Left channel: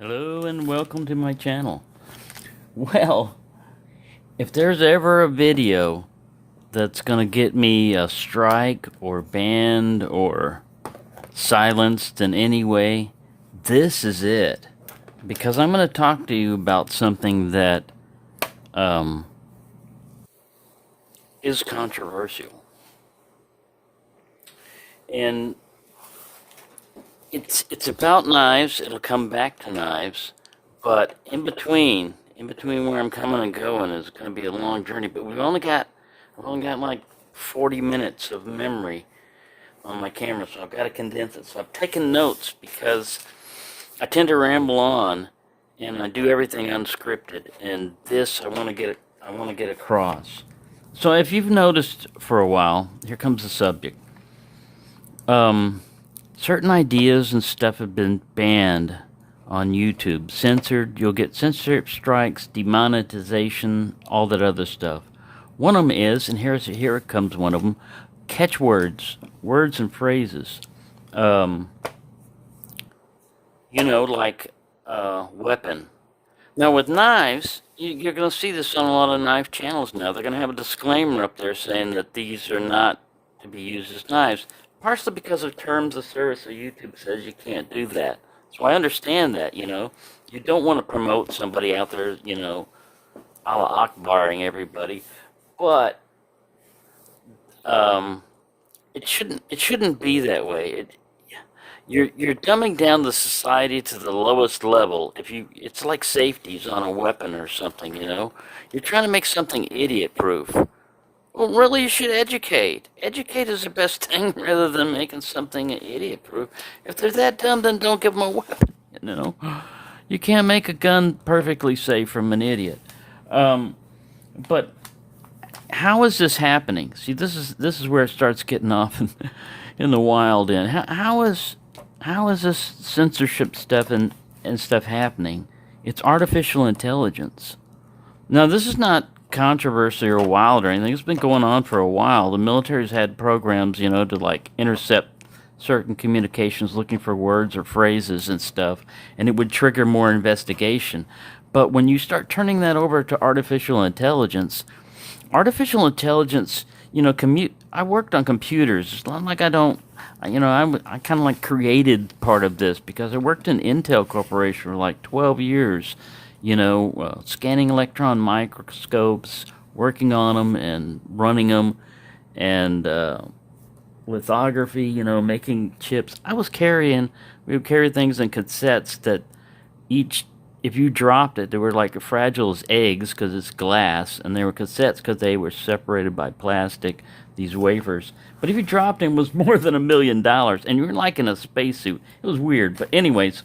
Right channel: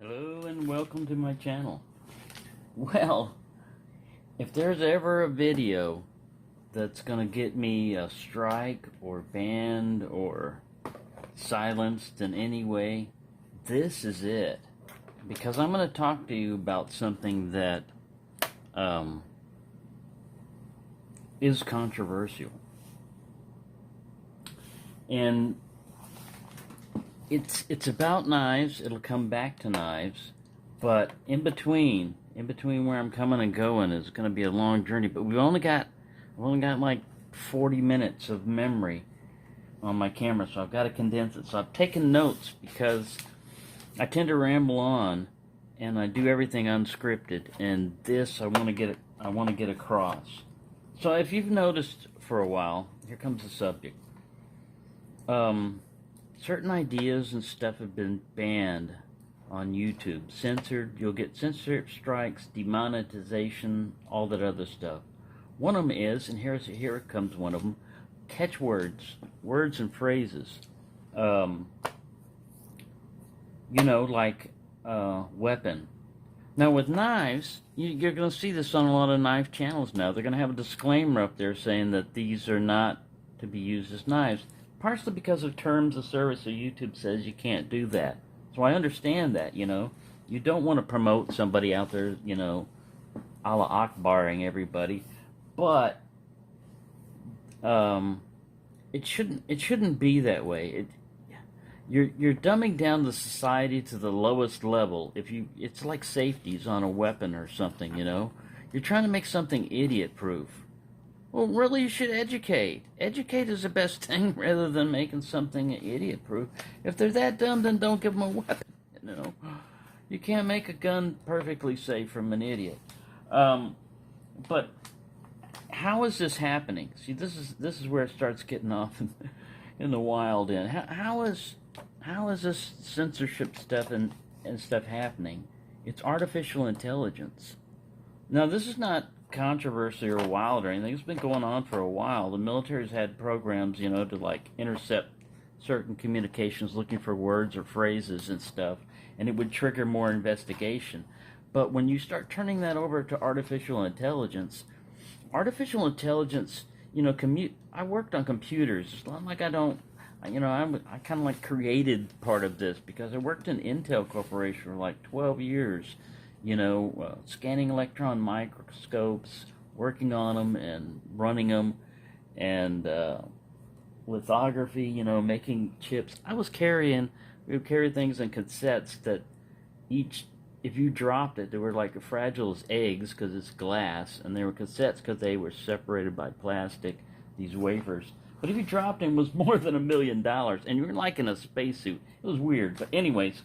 Hello and welcome to my channel. Well, if there's ever a video that's gonna get me a strike or banned or silenced in any way, this is it. Because I'm gonna talk to you about something that is controversial. And it's about knives. It'll come back to knives, but in between where I'm coming and going is going to be a long journey. But I've only got like 40 minutes of memory on my camera, so I've got to condense it. So I've taken notes because I tend to ramble on, and I do everything unscripted. And this I want to get across. So if you've noticed for a while, here comes the subject. Certain ideas and stuff have been banned on YouTube, censored. You'll get censorship strikes, demonetization, all that other stuff. One of them is, and here it comes one of them, catchwords, words and phrases. Like weapon. Now with knives, you're going to see this on a lot of knife channels now. They're going to have a disclaimer up there saying that these are not to be used as knives. Partially because of terms of service, so YouTube says you can't do that. So I understand that, You don't want to promote somebody out there, Allah Akbaring everybody. But it shouldn't be that way. You're dumbing down the society to the lowest level. It's like safeties on a weapon or something, You're trying to make something idiot proof. Well, really, you should educate. Educate is the best thing rather than making something idiot-proof. If they're that dumb, then don't give them a weapon, You can't make a gun perfectly safe from an idiot. But how is this happening? See, this is where it starts getting off in the wild end. How is this censorship stuff and stuff happening? It's artificial intelligence. Now, this is not controversy or wild or anything. It's been going on for a while. The military's had programs, to like intercept certain communications looking for words or phrases and stuff, and it would trigger more investigation. But when you start turning that over to artificial intelligence, I worked on computers. It's not like I don't, I kind of like created part of this because I worked in Intel Corporation for like 12 years. Scanning electron microscopes, working on them and running them, and lithography, making chips. We would carry things in cassettes that if you dropped it, they were like fragile as eggs because it's glass, and they were cassettes because they were separated by plastic, these wafers. But if you dropped it, it was more than $1 million, and you were like in a spacesuit. It was weird, but anyways.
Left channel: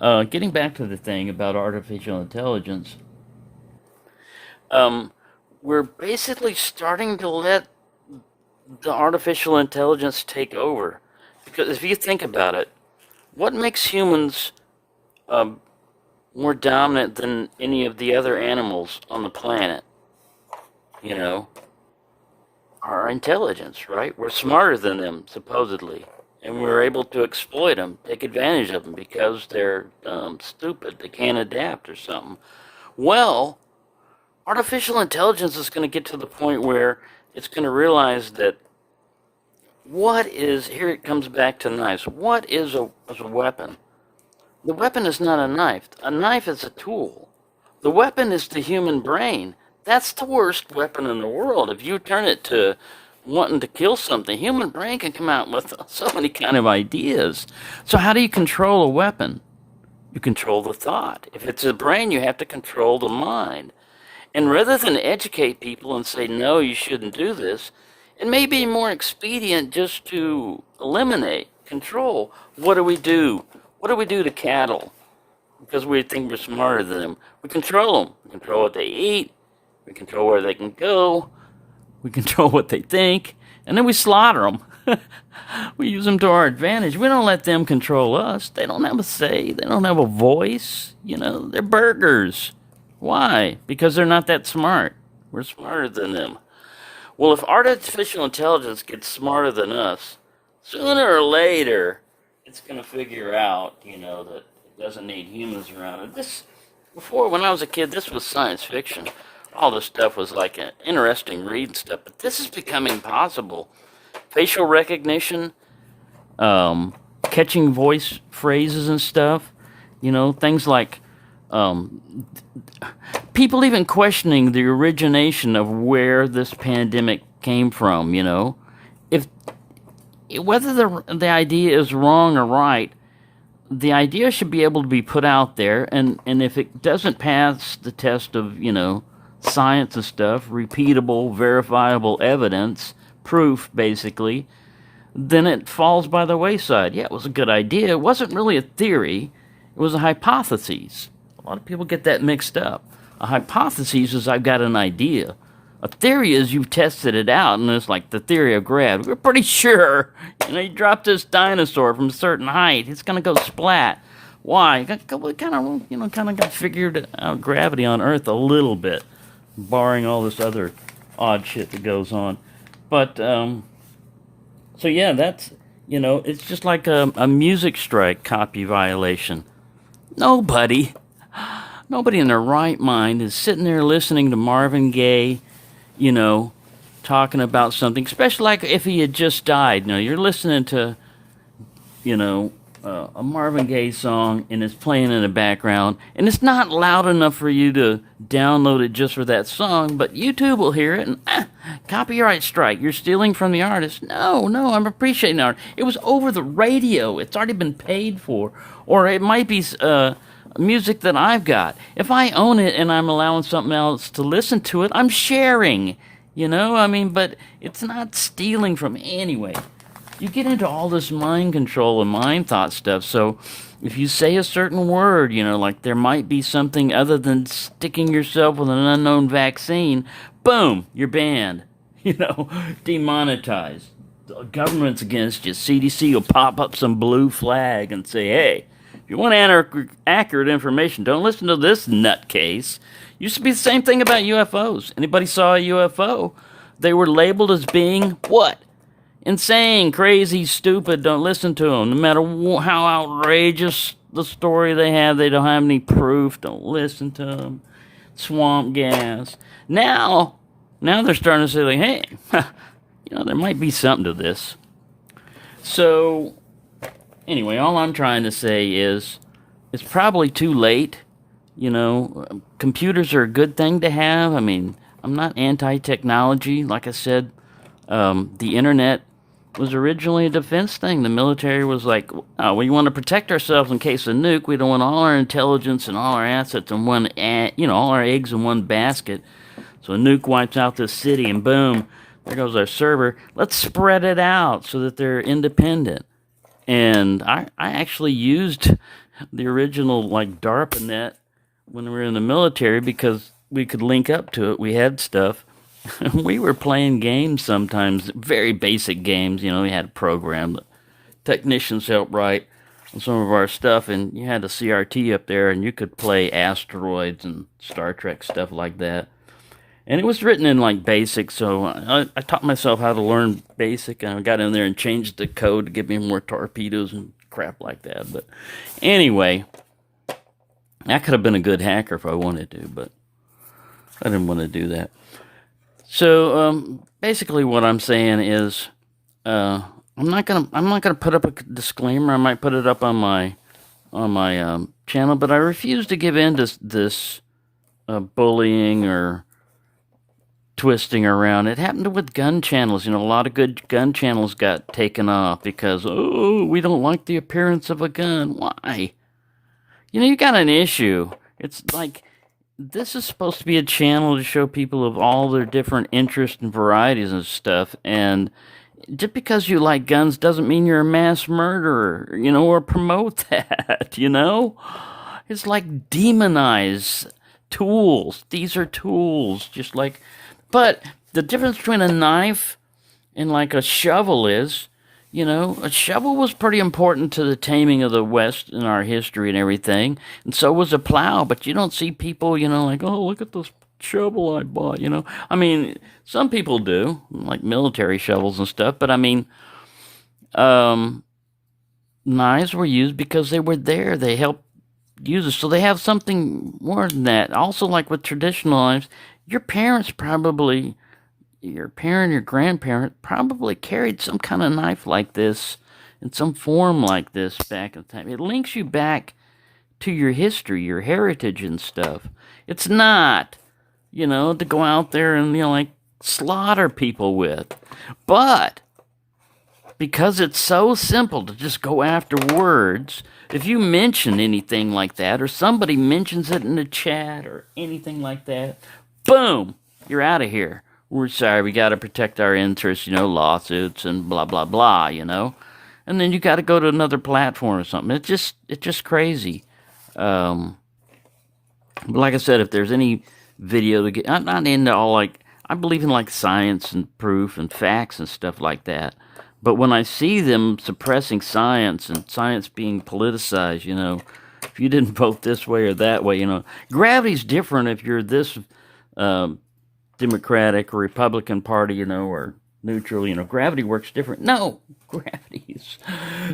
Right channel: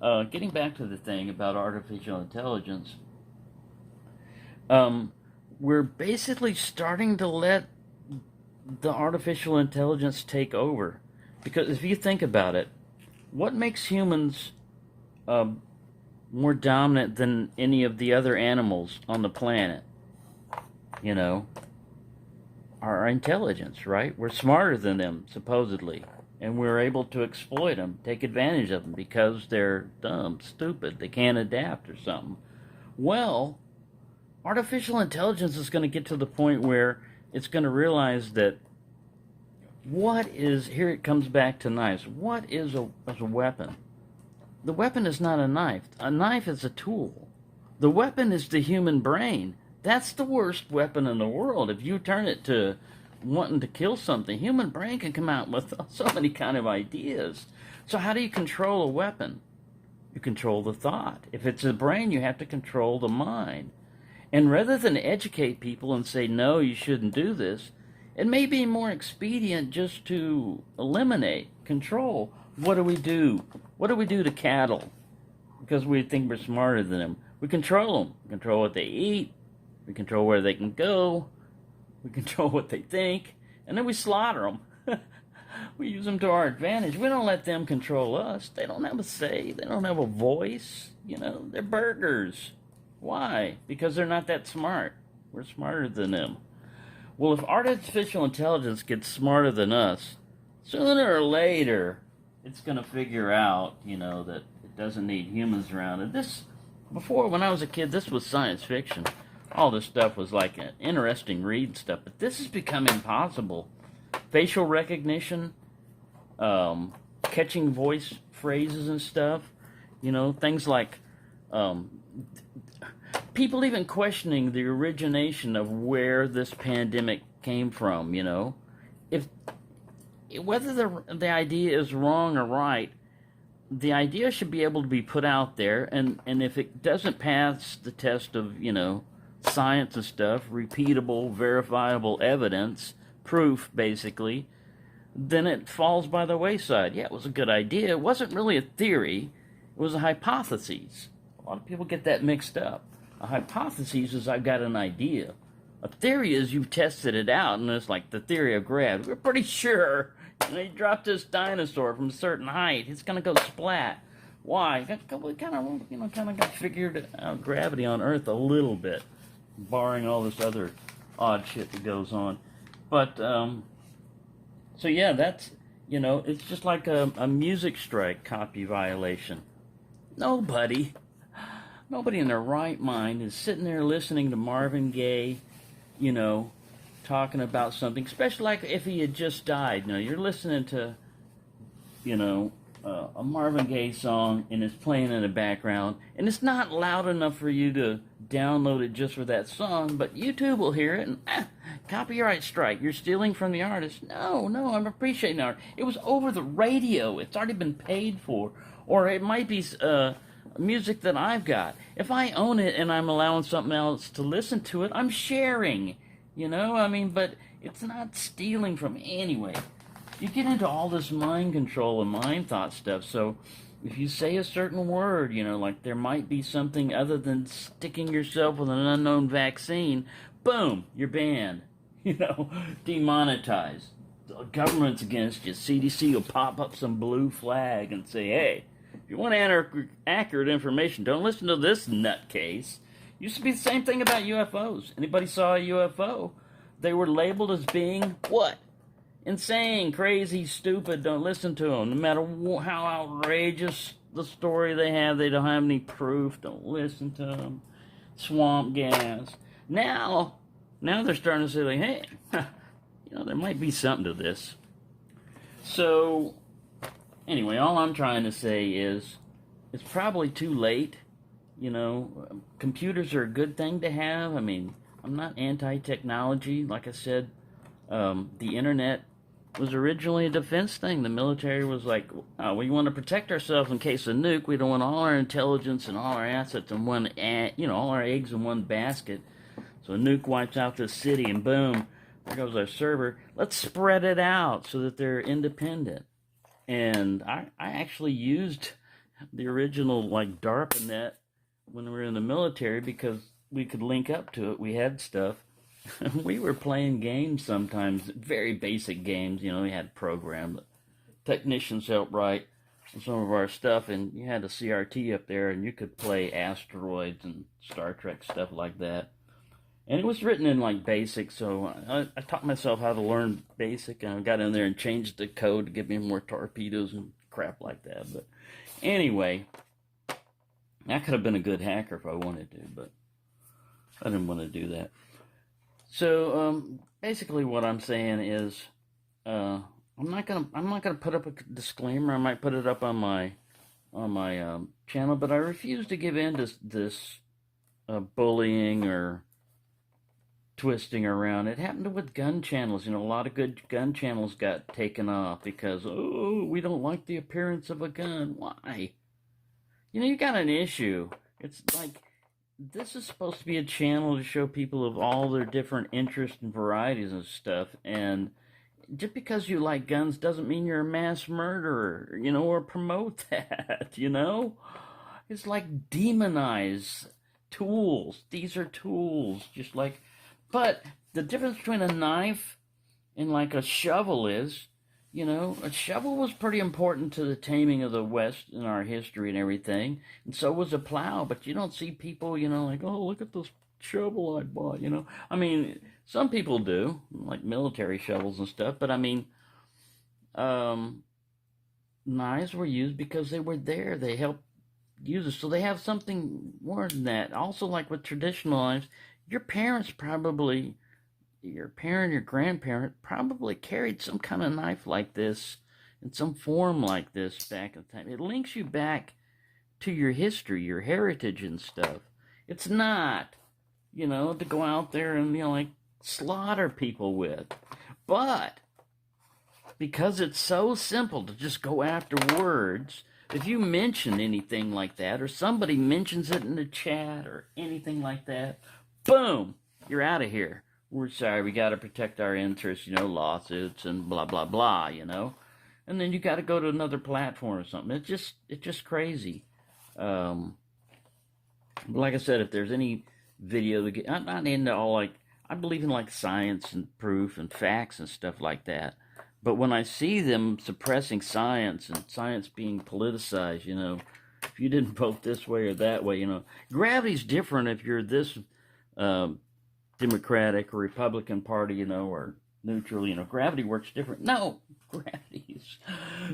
Getting back to the thing about artificial intelligence, we're basically starting to let the artificial intelligence take over. Because if you think about it, what makes humans more dominant than any of the other animals on the planet? Our intelligence, right? We're smarter than them, supposedly. And we're able to exploit them, take advantage of them because they're dumb, stupid, they can't adapt or something. Well, artificial intelligence is going to get to the point where it's going to realize that here it comes back to knives. What is a weapon? The weapon is not a knife. A knife is a tool. The weapon is the human brain. That's the worst weapon in the world. If you turn it to wanting to kill something, human brain can come out with so many kind of ideas. So how do you control a weapon? You control the thought. If it's a brain, you have to control the mind. And rather than educate people and say, no, you shouldn't do this, it may be more expedient just to eliminate, control. What do we do? What do we do to cattle? Because we think we're smarter than them. We control them. We control what they eat. We control where they can go. We control what they think, and then we slaughter them. We use them to our advantage. We don't let them control us. They don't have a say. They don't have a voice. They're burgers. Why? Because they're not that smart. We're smarter than them. Well, if artificial intelligence gets smarter than us, sooner or later, it's going to figure out, that doesn't need humans around it. This, before, when I was a kid, this was science fiction. All this stuff was like an interesting read and stuff, but this is becoming possible. Facial recognition, catching voice phrases and stuff, things like um, people even questioning the origination of where this pandemic came from, if whether the idea is wrong or right, the idea should be able to be put out there, and if it doesn't pass the test of, science and stuff, repeatable, verifiable evidence, proof, basically, then it falls by the wayside. Yeah, it was a good idea. It wasn't really a theory. It was a hypothesis. A lot of people get that mixed up. A hypothesis is I've got an idea. A theory is you've tested it out, and it's like the theory of gravity. We're pretty sure, you dropped this dinosaur from a certain height, it's gonna go splat. Why? We kind of got figured out gravity on Earth a little bit, barring all this other odd shit that goes on. But so yeah, that's it's just like a music strike copy violation. Nobody in their right mind is sitting there listening to Marvin Gaye, talking about something, especially like if he had just died. You're listening to, a Marvin Gaye song and it's playing in the background, and it's not loud enough for you to download it just for that song, but YouTube will hear it and copyright strike. You're stealing from the artist. No, I'm appreciating art. It was over the radio. It's already been paid for, or it might be music that I've got. If I own it and I'm allowing something else to listen to it, I'm sharing. But it's not stealing from anyway. You get into all this mind control and mind thought stuff. So if you say a certain word, like there might be something other than sticking yourself with an unknown vaccine, boom, you're banned. Demonetized. The government's against you. CDC will pop up some blue flag and say, hey, if you want accurate information, don't listen to this nutcase. Used to be the same thing about UFOs. Anybody saw a UFO, they were labeled as being what? Insane, crazy, stupid. Don't listen to them. No matter how outrageous the story they have, they don't have any proof. Don't listen to them. Swamp gas. Now they're starting to say, like, hey, there might be something to this. So, anyway, all I'm trying to say is it's probably too late. Computers are a good thing to have. I'm not anti-technology. Like I said, the internet was originally a defense thing. The military was like, we want to protect ourselves in case of nuke. We don't want all our intelligence and all our assets in one, all our eggs in one basket. So a nuke wipes out this city, and boom, there goes our server. Let's spread it out so that they're independent. And I actually used the original DARPAnet when we were in the military because we could link up to it. We had stuff. We were playing games sometimes, very basic games. We had a program that technicians helped write on some of our stuff, and you had a CRT up there, and you could play Asteroids and Star Trek stuff like that. And it was written in BASIC, so I taught myself how to learn BASIC, and I got in there and changed the code to give me more torpedoes and crap like that. But anyway, I could have been a good hacker if I wanted to, but I didn't want to do that. So basically, what I'm saying is, I'm not gonna put up a disclaimer. I might put it up on my channel, but I refuse to give in to this bullying or twisting around. It happened with gun channels. A lot of good gun channels got taken off because we don't like the appearance of a gun. Why? You got an issue. It's like, this is supposed to be a channel to show people of all their different interests and varieties and stuff, and just because you like guns doesn't mean you're a mass murderer, or promote that, It's like demonize tools. These are tools, but the difference between a knife and a shovel is, a shovel was pretty important to the taming of the West in our history and everything, and so was a plow. But you don't see people, oh, look at this shovel I bought, some people do, like military shovels and stuff, but knives were used because they were there. They helped uses. So they have something more than that. Also, like with traditional knives, your parents probably, your parent, your grandparent probably carried some kind of knife like this in some form like this back in time. It links you back to your history, your heritage and stuff. It's not, to go out there and, like slaughter people with. But because it's so simple to just go after words, if you mention anything like that, or somebody mentions it in the chat or anything like that, boom, you're out of here. We're sorry, we got to protect our interests, lawsuits and blah, blah, blah, And then you got to go to another platform or something. It's just crazy. Um, but like I said, if there's any video to get, I'm not into all like, I believe in like science and proof and facts and stuff like that. But when I see them suppressing science and science being politicized, if you didn't vote this way or that way, gravity's different if you're this um, Democratic or Republican Party, or neutral, gravity works different. No, gravity is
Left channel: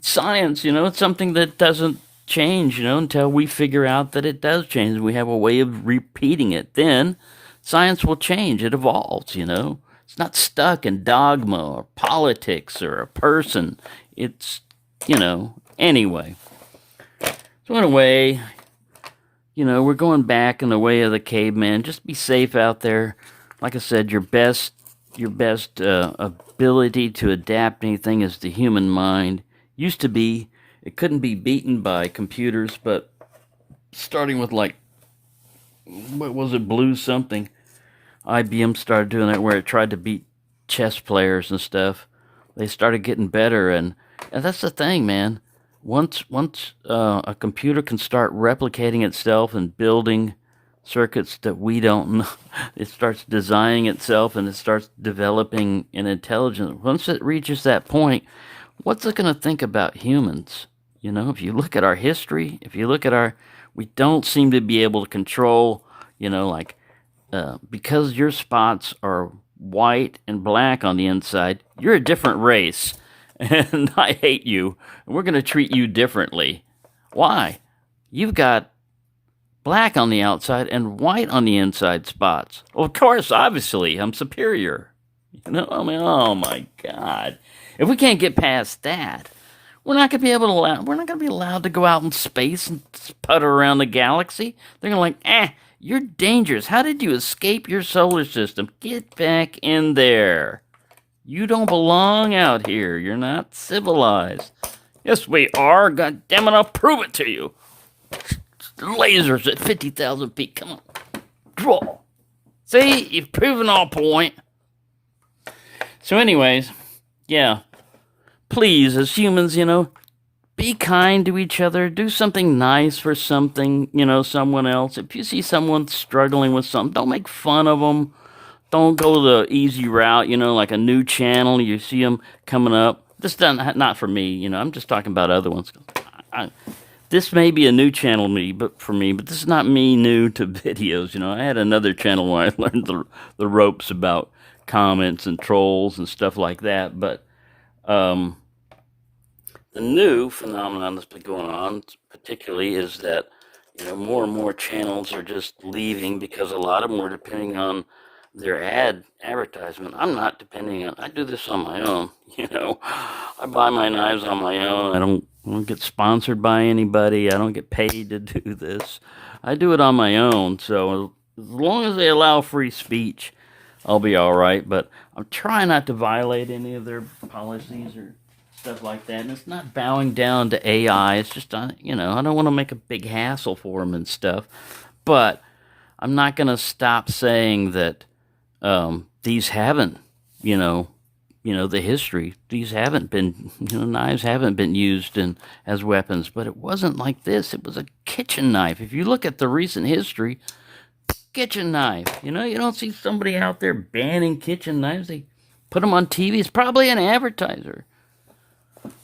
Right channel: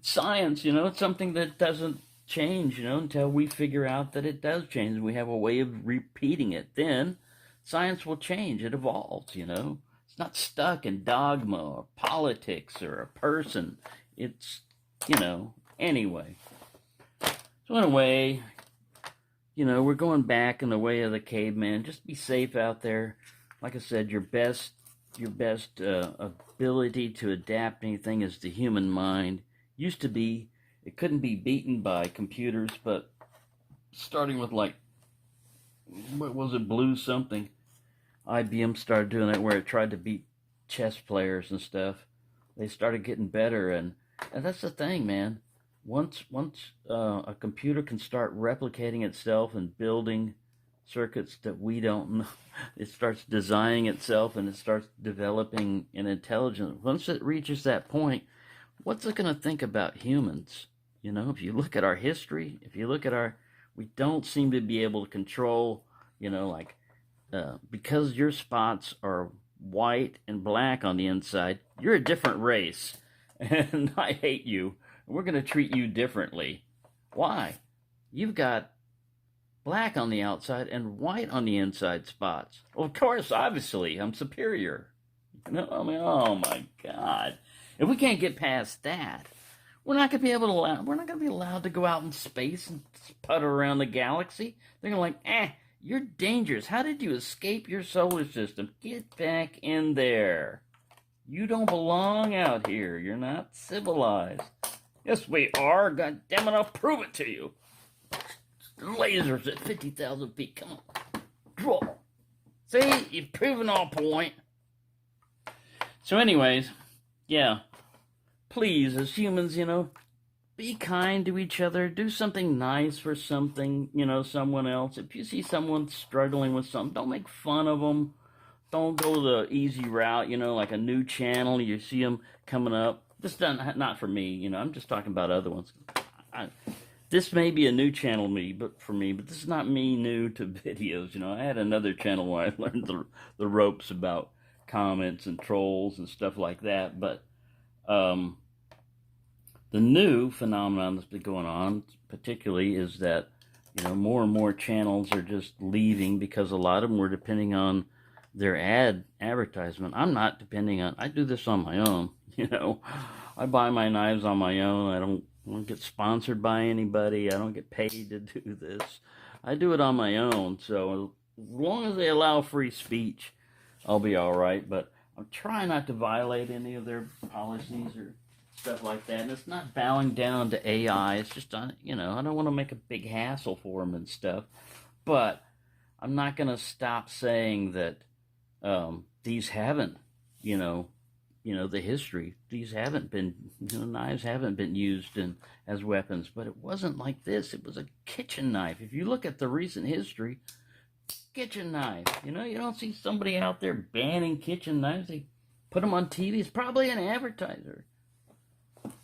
science, it's something that doesn't change, until we figure out that it does change. We have a way of repeating it. Then science will change. It evolves, It's not stuck in dogma or politics or a person. It's, anyway. So in a way, we're going back in the way of the caveman. Just be safe out there. Like I said, your best ability to adapt anything is the human mind. Used to be, it couldn't be beaten by computers, but starting with like, what was it, Blue something? IBM started doing that where it tried to beat chess players and stuff. They started getting better, and that's the thing, man. Once a computer can start replicating itself and building circuits that we don't know, it starts designing itself and it starts developing an intelligence. Once it reaches that point, what's it going to think about humans? If you look at our history, if you look at we don't seem to be able to control, like, because your spots are white and black on the inside, you're a different race. And I hate you. And we're going to treat you differently. Why? You've got black on the outside and white on the inside spots. Well, of course, obviously, I'm superior. I mean, oh my God. If we can't get past that, we're not going to be able to we're not going to be allowed to go out in space and putter around the galaxy. They're going to you're dangerous. How did you escape your solar system? Get back in there. You don't belong out here. You're not civilized. Yes, we are. God damn it, I'll prove it to you. Lasers at 50,000 feet. Come on. Draw. See, you've proven our point. So anyways, yeah. Please, as humans, be kind to each other. Do something nice for something, someone else. If you see someone struggling with something, don't make fun of them. Don't go the easy route, like a new channel. You see them coming up. This doesn't, not for me, I'm just talking about other ones. This may be a new channel for me, but this is not me new to videos. I had another channel where I learned the ropes about comments and trolls and stuff like that. But the new phenomenon that's been going on, particularly, is that more and more channels are just leaving because a lot of them were depending on their advertisement. I'm not depending on. I do this on my own. I buy my knives on my own. I don't get sponsored by anybody. I don't get paid to do this. I do it on my own. So as long as they allow free speech, I'll be all right. But I'm trying not to violate any of their policies or stuff like that. And it's not bowing down to AI. It's just, I don't want to make a big hassle for them and stuff. But I'm not going to stop saying that these haven't, the history. These haven't been, knives haven't been used as weapons. But it wasn't like this. It was a kitchen knife. If you look at the recent history, kitchen knife. You don't see somebody out there banning kitchen knives. They put them on TV. It's probably an advertiser.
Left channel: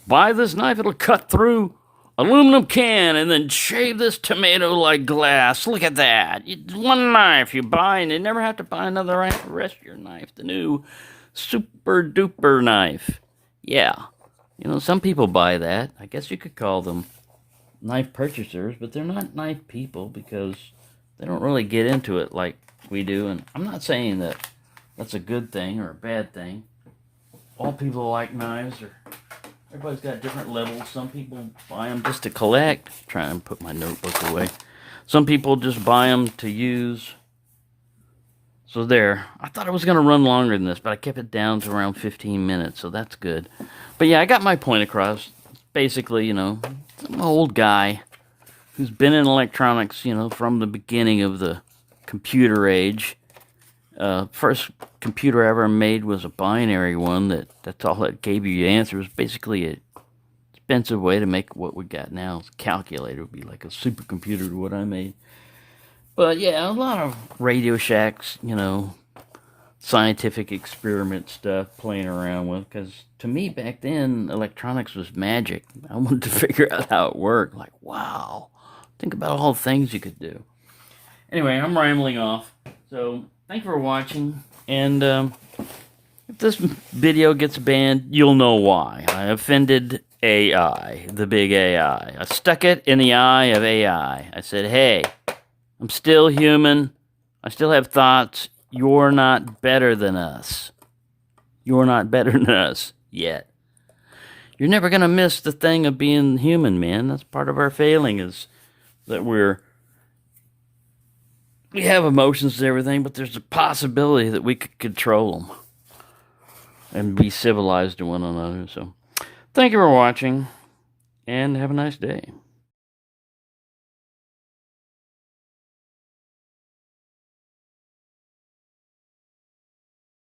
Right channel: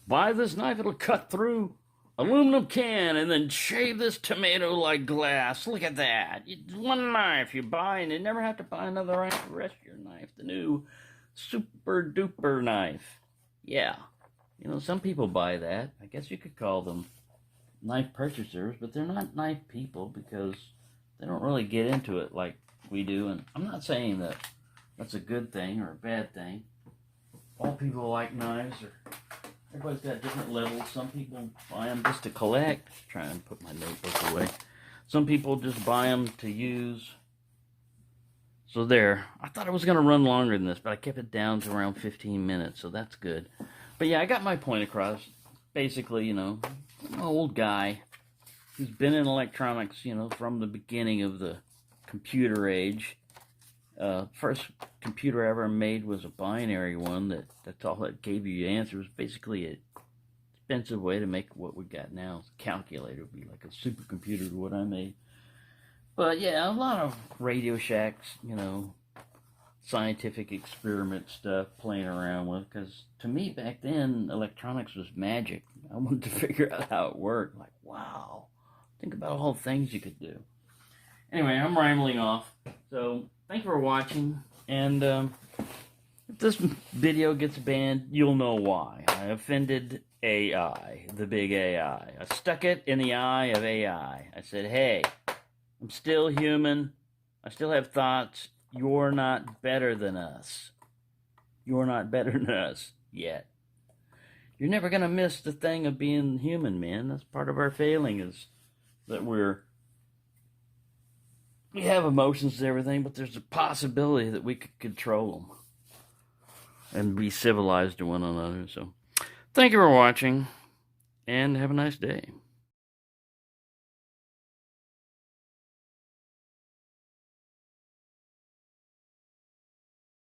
Buy this knife, it'll cut through aluminum can and then shave this tomato like glass. Look at that. It's one knife you buy and you never have to buy another rest of your knife. The new super duper knife. Yeah. Some people buy that. I guess you could call them knife purchasers, but they're not knife people because they don't really get into it like we do. And I'm not saying that that's a good thing or a bad thing. All people like knives, or everybody's got different levels. Some people buy them just to collect. Try and put my notebook away. Some people just buy them to use. So there. I thought it was going to run longer than this, but I kept it down to around 15 minutes, so that's good. But yeah, I got my point across. Basically, you know, I'm an old guy who's been in electronics, you know, from the beginning of the computer age. First computer I ever made was a binary one. That's all that gave you the answer. It was basically a expensive way to make what we got now. It's a calculator. It would be like a supercomputer to what I made. But yeah, a lot of Radio Shacks, you know, scientific experiment stuff playing around with. Because to me back then, electronics was magic. I wanted to figure out how it worked. Like, wow, think about all the things you could do. Anyway, I'm rambling off. So thank you for watching. And if this video gets banned, you'll know why. I offended AI, the big AI. I stuck it in the eye of AI. I said, hey, I'm still human. I still have thoughts. You're not better than us. You're not better than us yet. You're never going to miss the thing of being human, man. That's part of our failing, is that we have emotions and everything, but there's a possibility that we could control them and be civilized to one another. So thank you for watching, and have a nice day.